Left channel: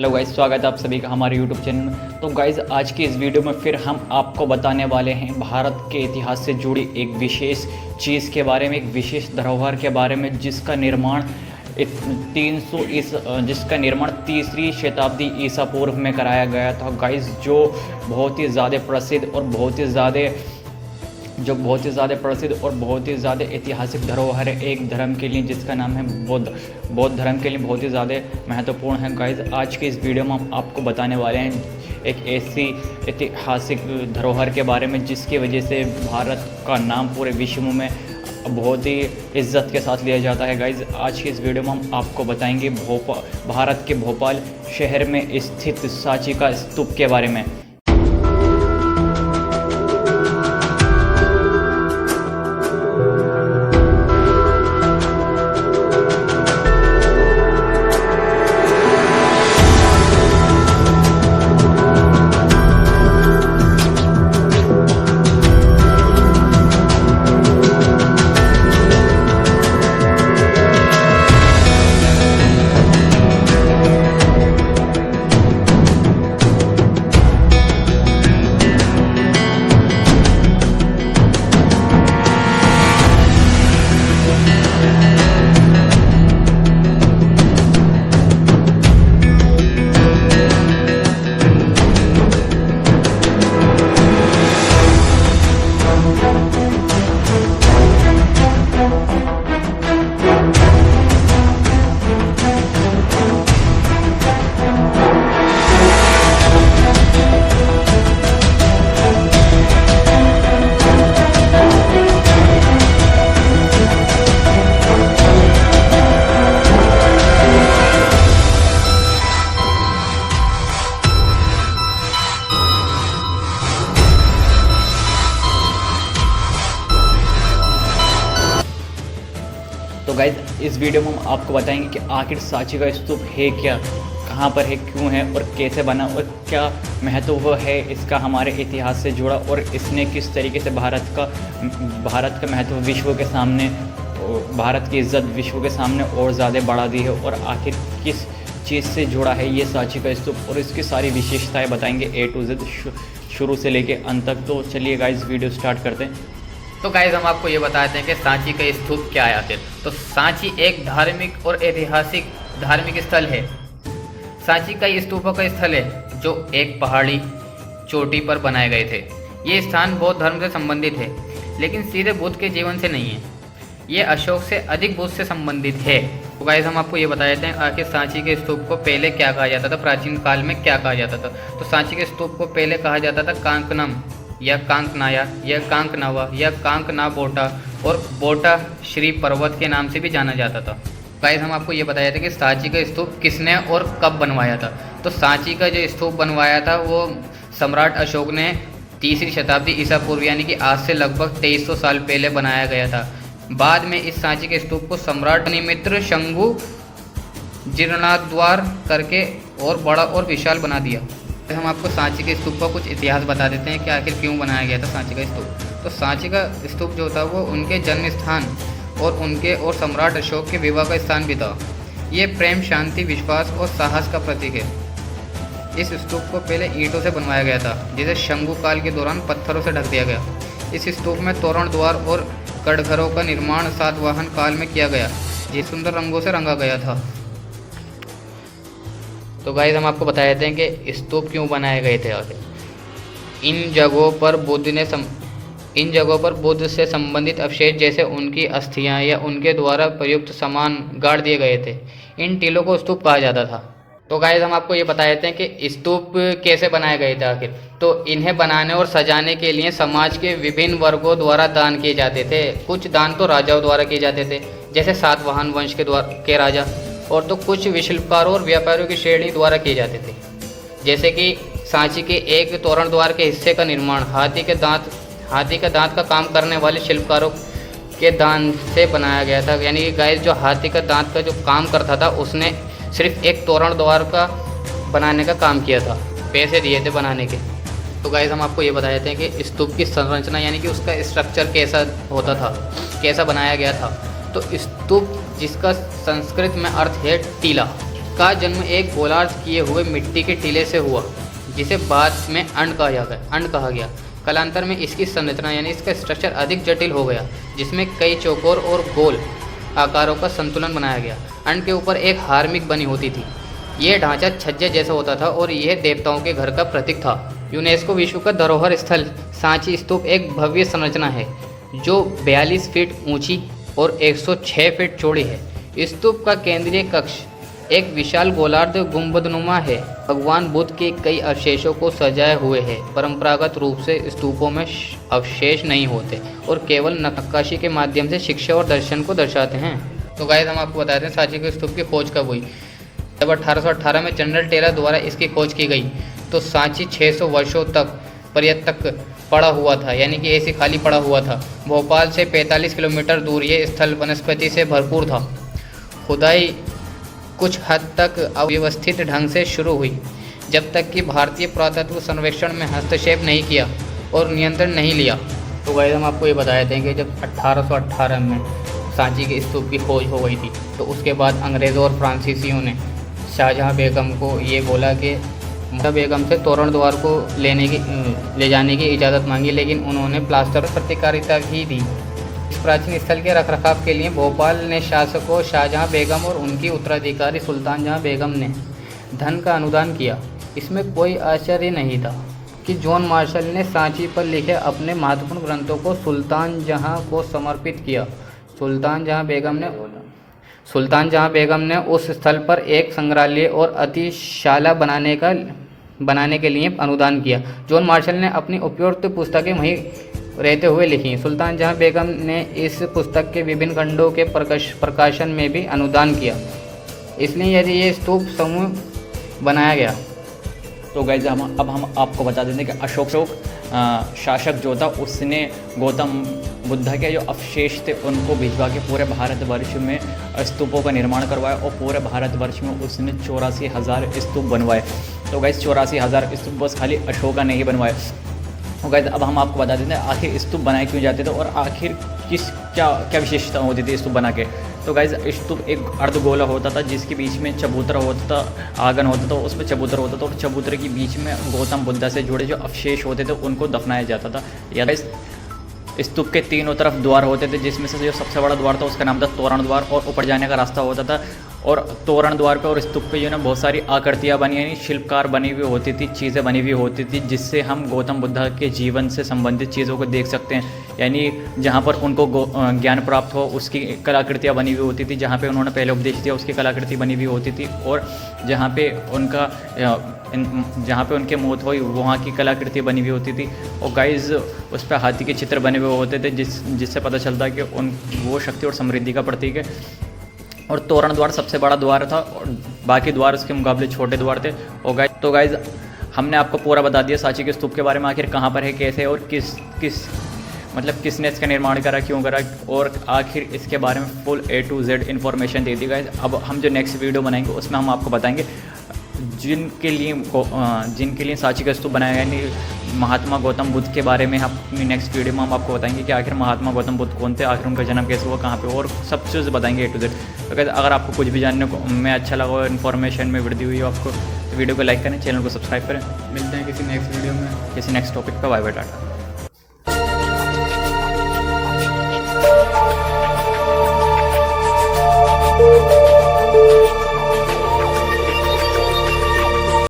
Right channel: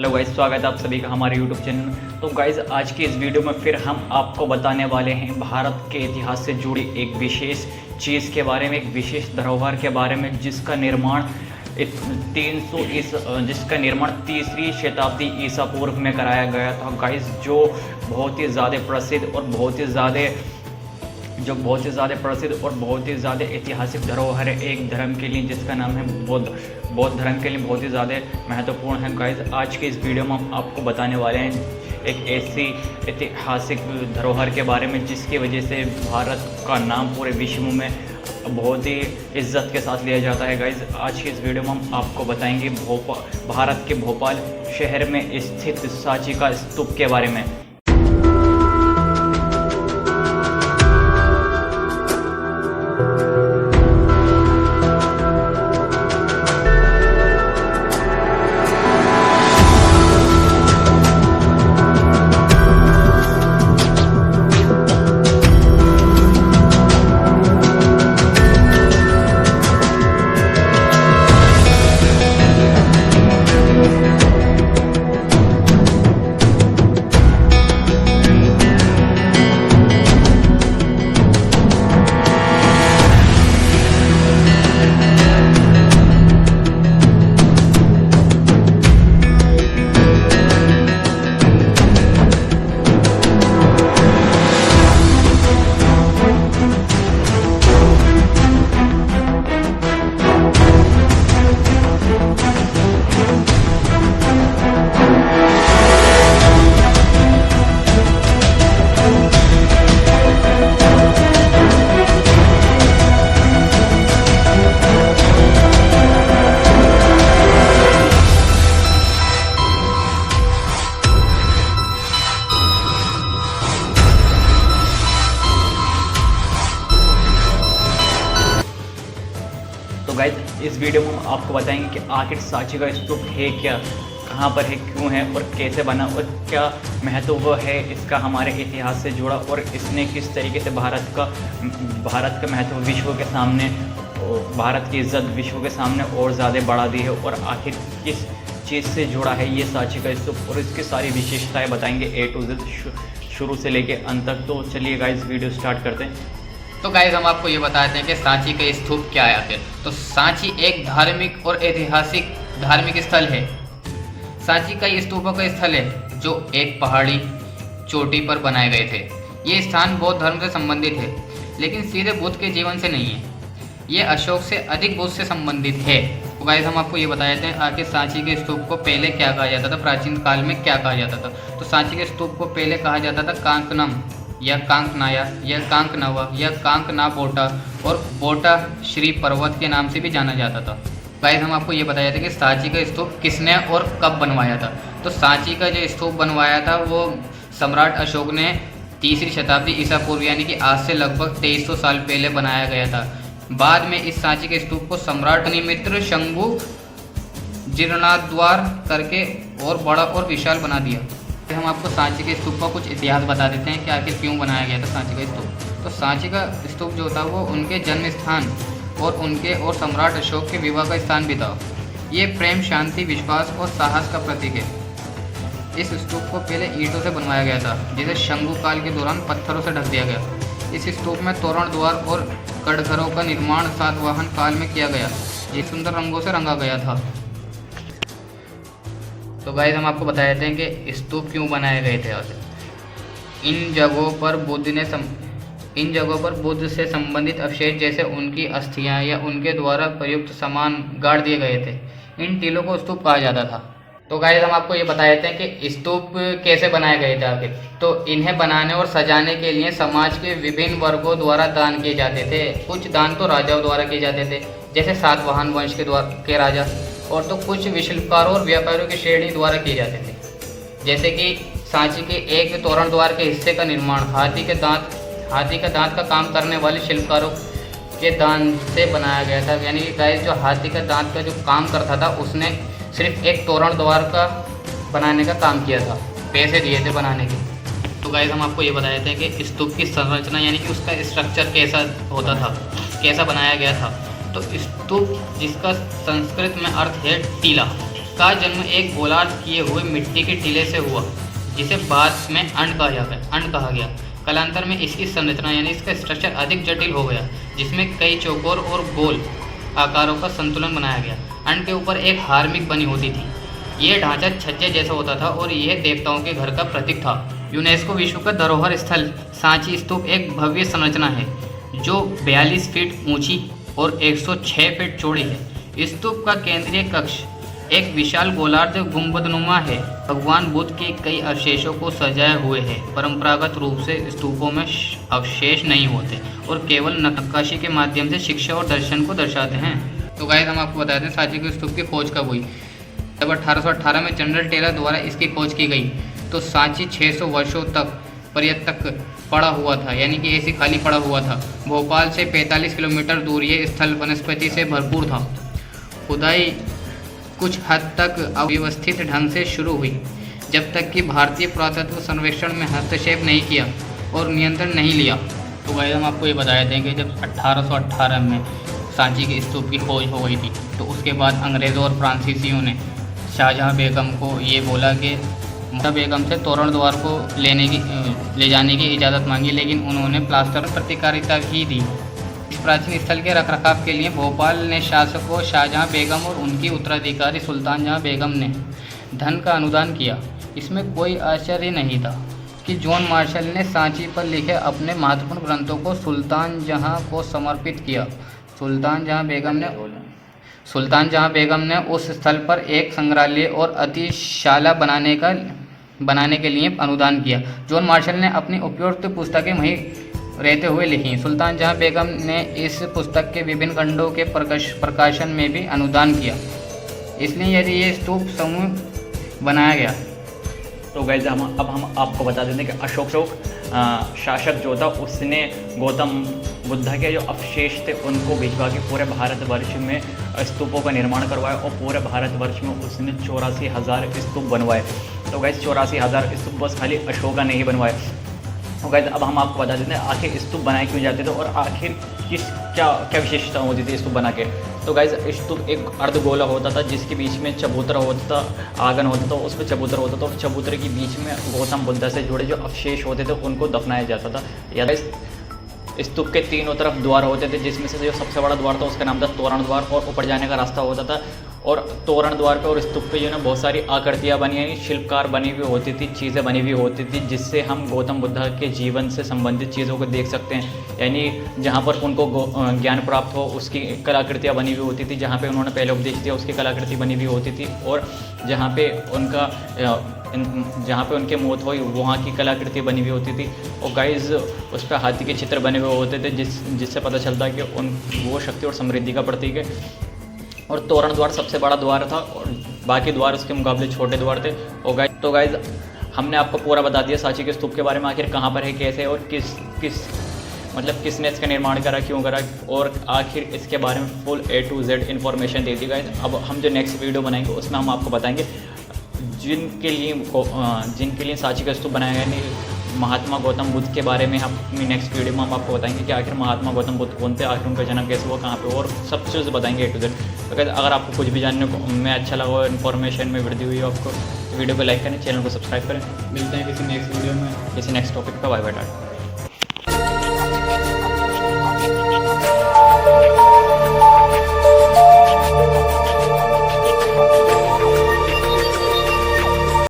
Hello guys, स्वागत है आप सभी का हमारे यूट्यूब चैनल में। तो गाइस, आज की इस वीडियो में फिर हम आपको बताने वाले हैं भारत के इतिहास से जुड़ी एक विशेष चीज़ के बारे में, एक विशेष धरोहर के बारे में जिसका निर्माण 3री शताब्दी ईसा पूर्व में कराया गया था गाइस। जो बहुत ही ज़्यादा प्रसिद्ध और बहुत ही ज़्यादा ऐतिहासिक धरोहर है एक धर्म के लिए, जिसका नाम है बौद्ध धर्म के लिए बहुत ही ज़्यादा महत्वपूर्ण है गाइस। आज के इस वीडियो में हम आपको बताने वाले हैं एक ऐसी ऐतिहासिक धरोहर के बारे में जिसकी वजह से भारत का नाम पूरे विश्व में बहुत ही इज्जत के साथ लिया जाता है गाइस। आज की इस वीडियो में हम आपको बताएंगे भारत के भोपाल शहर में स्थित सांची का स्तूप के बारे में। तो गाइज, इस वीडियो में हम आपको बताएंगे कि आखिर सांची का स्तूप है क्या, कहाँ पर है, क्यों है और कैसे बना और क्या महत्व है इसका हमारे इतिहास से जुड़ा, और इसने किस तरीके से भारत का महत्व विश्व के सामने, भारत की इज्जत विश्व के सामने और ज़्यादा बढ़ा दी है, और आखिर किस चीज़ से जुड़ा है ये सांची का स्तूप, और इसकी सारी विशेषताएँ बताएंगे A to Z शुरू से लेके अंत तक। तो चलिए गाइज, वीडियो स्टार्ट करते हैं। तो गाइज, हम आपको ये बताते हैं कि सांची का स्तूप क्या है आखिर। तो सांची एक धार्मिक और ऐतिहासिक धार्मिक स्थल है। सांची का स्तूपों का स्थल है जो एक पहाड़ी चोटी पर बनाए गए थे। ये स्थान बौद्ध धर्म से संबंधित है, लेकिन सीधे बुद्ध के जीवन से नहीं है। ये अशोक से अधिक बुद्ध से संबंधित है। तो गाइज, हम आपको ये बता देते हैं आखिर सांची के स्तूप को पहले क्या कहा जाता था, प्राचीन काल में क्या कहा जाता था। तो सांची के स्तूप को पहले कहा जाता था कांकनम या कांकनाया या कांकनावा या कांकना बोटा, और बोटा श्री पर्वत के नाम से भी जाना जाता था। गाइस, हम आपको ये बताया था कि सांची का स्तूप किसने और कब बनवाया था। तो सांची का जो स्तूप बनवाया था वो सम्राट अशोक ने 3री शताब्दी ईसा पूर्व यानी कि आज से लगभग 2300 साल पहले बनाया गया था। बाद में इस सांची के स्तूप को सम्राट निमित्र शंभु जीर्णोद्धार करके और बड़ा और विशाल बना दिया। हम आपको सांची के स्तूप का कुछ इतिहास बता देते हैं कि आखिर क्यों बनाया गया था सांची का स्तूप। तो सांची का स्तूप जो था वो उनके जन्म स्थान और सम्राट अशोक के विवाह का स्थान भी था। ये प्रेम, शांति, विश्वास और साहस का प्रतीक है। इस स्तूप को पहले ईंटों से बनवाया गया था, जिसे शंभु काल के दौरान पत्थरों से ढक दिया गया। इस स्तूप में तोरण द्वार और कड़घरों का निर्माण सातवाहन काल में किया गया। ये सुंदर रंगों से रंगा गया था। तो गाइस, हम आपको बता देते हैं कि स्तूप क्यों बनाए गए थे आखिर। इन जगहों पर बुद्ध से संबंधित अवशेष जैसे उनकी अस्थियां या उनके द्वारा प्रयुक्त सामान गाड़ दिए गए थे। इन टीलों को स्तूप कहा जाता था। तो गाइस, हम आपको ये बता देते हैं कि स्तूप कैसे बनाए गए थे आखिर। तो इन्हें बनाने और सजाने के लिए समाज के विभिन्न वर्गों द्वारा दान किए जाते थे। कुछ दान तो राजाओं द्वारा किए जाते थे, जैसे सातवाहन वंश के राजा, और तो कुछ शिल्पकारों और व्यापारियों की श्रेणी द्वारा किए जाते थे। जैसे कि सांची के एक तोरण द्वार के हिस्से का निर्माण हाथी के दांत का काम करने वाले शिल्पकारों के दान से बनाया गया था। यानी कि गाइस, जो हाथी का दांत का जो काम करता था उसने सिर्फ एक तोरण द्वार का बनाने का काम किया था, पैसे दिए थे बनाने के। तो गाइस, हम आपको ये बता देते हैं कि स्तूप की संरचना यानी कि उसका स्ट्रक्चर कैसा होता था, कैसा बनाया गया था। तो स्तूप, जिसका संस्कृत में अर्थ है टीला, इसका जन्म एक गोलार्ध किए हुए मिट्टी के टीले से हुआ, जिसे बाद में अंड कहा गया। कालांतर में इसकी संरचना यानी इसका स्ट्रक्चर अधिक जटिल हो गया, जिसमें कई चौकोर और गोल आकारों का संतुलन बनाया गया। अंड के ऊपर एक हार्मिक बनी होती थी। यह ढांचा छज्जे जैसा होता था और यह देवताओं के घर का प्रतीक था। यूनेस्को विश्व का धरोहर स्थल सांची स्तूप एक भव्य संरचना है जो 42 फीट ऊंची और 106 फीट चौड़ी है। स्तूप का केंद्रीय कक्ष एक विशाल गोलार्ध गुंबदनुमा है। भगवान बुद्ध के कई अवशेषों को सजाए हुए है। परंपरागत रूप से स्तूपों में अवशेष नहीं होते और केवल नक्काशी के माध्यम से शिक्षा और दर्शन को दर्शाते हैं। तो गाइस, हम आपको बताते हैं सांची के स्तूप की खोज कब हुई। जब 1818 में जनरल टेलर द्वारा इसकी खोज की गई तो सांची 600 वर्षों तक पर्यटक पड़ा हुआ था, यानी कि ऐसे खाली पड़ा हुआ था। भोपाल से 45 किलोमीटर दूर ये स्थल वनस्पति से भरपूर था। खुदाई कुछ हद तक अव्यवस्थित ढंग से शुरू हुई, जब तक कि भारतीय पुरातत्व सर्वेक्षण में हस्तक्षेप नहीं किया और नियंत्रण नहीं लिया। तो गाइस, हम आपको ये बताए थे कि जब 1818 में सांची के स्तूप की खोज हो गई थी तो उसके बाद अंग्रेज़ों और फ्रांसीसियों ने शाहजहाँ बेगम को ये बोला कि मुमताज़ बेगम से तोरण द्वार को ले जाने की इजाज़त मांगी, लेकिन उन्होंने प्लास्टर प्रतिकारिता भी दी। इस प्राचीन स्थल के रखरखाव के लिए भोपाल ने शासकों शाहजहाँ बेगम और उनकी उत्तराधिकारी सुल्तान जहाँ बेगम ने धन का अनुदान किया। इसमें कोई आश्चर्य नहीं था कि जॉन मार्शल ने सांची पर लिखे अपने महत्वपूर्ण ग्रंथों को सुल्तान जहाँ को समर्पित किया। सुल्तान जहाँ बेगम ने उस स्थल पर एक संग्रहालय और अतिशाला बनाने के लिए अनुदान किया। जॉन मार्शल ने अपनी उपयुक्त पुस्तकें वहीं रहते हुए लिखी। सुल्तान जहाँ बेगम ने इस पुस्तक के विभिन्न खंडों के प्रकाशन में भी अनुदान किया, इसलिए यदि ये स्तूप समूह बनाया गया। तो गाइस, अब हम आपको बता देते हैं कि अशोक शासक जो था उसने गौतम बुद्ध के जो अवशेष थे उनको भिजवा के पूरे भारतवर्ष में स्तूपों का निर्माण करवाया और पूरे भारतवर्ष में उसने 84,000 स्तूप बनवाए। तो गाइस, 84,000 स्तूप बस खाली अशोका ने ही बनवाए। तो गाइस, अब हम आपको बता देते हैं आखिर स्तूप बनाए क्यों जाते थे और आखिर क्या विशेषता होती थी स्तूप बना के। तो गाइस, स्तूप एक अर्धगोला होता था जिसके बीच में चबूतरा होता था, आंगन होता था, उस पर चबूतरा होता था और चबूतरे के बीच में गौतम बुद्ध से जुड़े जो अवशेष होते थे उनको दफनाया जाता था। या स्तूप के तीनों तरफ द्वार होते थे, जिसमें से जो सबसे बड़ा द्वार था उसका नाम था तोरण द्वार और ऊपर जाने का रास्ता होता था। और तोरण द्वार पे और स्तूप पे जो है बहुत सारी आकृतियाँ बनी, यानी शिल्पकार बनी हुई होती थी, चीज़ें बनी हुई होती थी, जिससे हम गौतम बुद्ध के जीवन से संबंधित चीज़ों को देख सकते हैं। यानी जहाँ पर उनको ज्ञान प्राप्त हो उसकी कलाकृतियाँ बनी हुई होती थी, जहाँ पे उन्होंने पहले उपदेश दिया उसकी कलाकृति बनी हुई होती थी, और जहाँ पे उनके मौत हुई वहाँ की कलाकृति बनी हुई होती थी। और गाइस, उस पर हाथी के चित्र बने हुए होते थे, जिससे पता चलता है कि वो शक्ति और समृद्धि का प्रतीक है। और तोरण द्वार सबसे बड़ा द्वार था और बाकी द्वार उसके मुकाबले छोटे द्वार थे। और तो गाइस, हमने आपको पूरा बता दिया सांची के स्तूप के बारे में, आखिर कहाँ पर है, कैसे और किसने इसका निर्माण करा, क्यों करा, और आखिर इसके बारे में full A to Z information they the guys. अब हम जो नेक्स्ट वीडियो बनाएंगे उसमें हम आपको बताएंगे जिनके लिए सांची का स्तूप बनाया गया, यानी महात्मा गौतम बुद्ध के बारे में। हम अपनी नेक्स्ट वीडियो में हम आपको बताएंगे कि आखिर महात्मा गौतम बुद्ध कौन थे, आखिर उनका जन्म कैसे हुआ, कहाँ पे, और सब चीज़ बताएंगे A to Z। तो अगर आपको कुछ भी जानने को में अच्छा लगा और इन्फॉर्मेशन में वृद्धि हुई हो आपको, वीडियो को लाइक करें, चैनल को सब्सक्राइब करें। मिलते हैं किसी नेक्स्ट वीडियो में किसी नेक्स्ट टॉपिक पर। Bye bye, Tata.